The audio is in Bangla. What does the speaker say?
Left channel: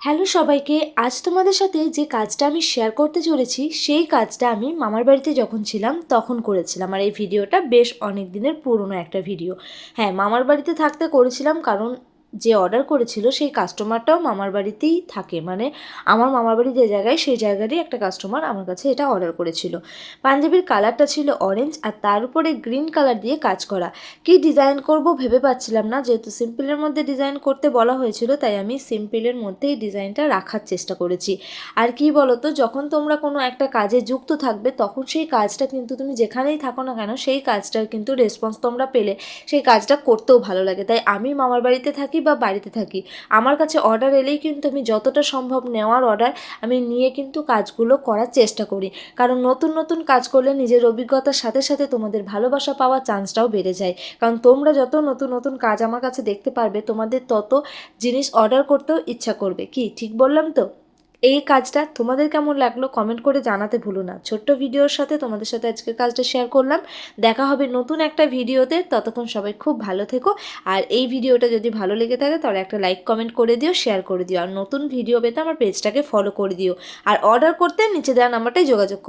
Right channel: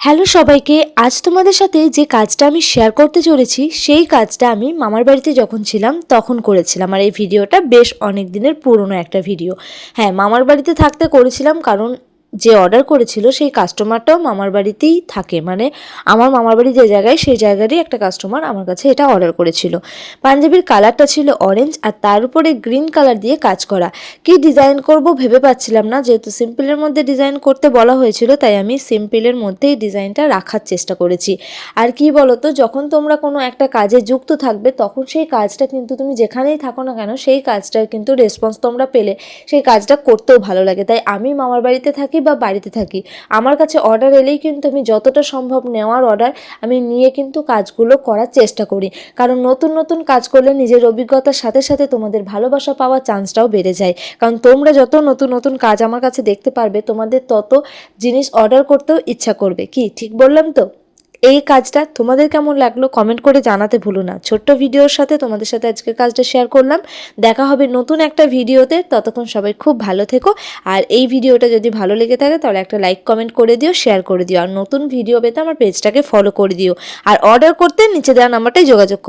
হ্যালো সবাইকে, আজ তোমাদের সাথে যে কাজটা আমি শেয়ার করতে চলেছি সেই কাজটা আমি মামার বাড়িতে যখন ছিলাম তখন করেছিলাম। আর এই ভিডিওটা বেশ অনেক দিনের পুরনো একটা ভিডিও। হ্যাঁ, মামার বাড়িতে থাকতে করেছিলাম, কারণ যে অর্ডার করেছিল সেই কাস্টমারটাও মামার বাড়িতেই থাকে। মানে আমার মামার বাড়ি যে জায়গায় সেই জায়গারই একটা কাস্টমার আমার কাছে এটা অর্ডার করেছিল। পাঞ্জাবির কালারটা ছিল অরেঞ্জ আর তার উপরে গ্রিন কালার দিয়ে কাজ করা। কি ডিজাইন করব ভেবে পাচ্ছিলাম না, যেহেতু সিম্পলের মধ্যে ডিজাইন করতে বলা হয়েছিল তাই আমি সিম্পলের মধ্যেই ডিজাইনটা রাখার চেষ্টা করেছি। আর কি বলতো, যখন তোমরা কোনো একটা কাজে যুক্ত থাকবে তখন সেই কাজটা কিন্তু তুমি যেখানেই থাকো না কেন সেই কাজটার কিন্তু রেসপন্স তোমরা পেলে সেই কাজটা করতেও ভালো লাগে। তাই আমি মামার বাড়িতে থাকি বা বাড়িতে থাকি, আমার কাছে অর্ডার এলেই কিন্তু আমি যতটা সম্ভব নেওয়ার অর্ডার আমি নিয়ে কিন্তু কাজগুলো করার চেষ্টা করি। কারণ নতুন নতুন কাজ করলে নিজের অভিজ্ঞতার সাথে সাথে তোমাদের ভালোবাসা পাওয়ার চান্সটাও বেড়ে যায়। কারণ তোমরা যত নতুন নতুন কাজ আমার কাছে দেখতে পারবে তোমাদের তত জিনিস অর্ডার করতেও ইচ্ছা করবে। কি ঠিক বললাম তো? এই কাজটা তোমাদের কেমন লাগলো কমেন্ট করে জানাতে ভুলো না। ছোট্ট ভিডিওর সাথে তোমাদের সাথে আজকের কাজটা শেয়ার করলাম। দেখা হবে নতুন একটা ভিডিওতে, ততক্ষণ সবাই খুব ভালো থেকো। আর এই ভিডিওটা যদি ভালো লেগে থাকে তাহলে একটা লাইক কমেন্ট করে দিও, শেয়ার করে দিও। আর নতুন ভিডিও পেতে আমার পেজটাকে ফলো করে দিও। আর অর্ডার করতে নিচে দেওয়া নাম্বারটাই যোগাযোগ করো।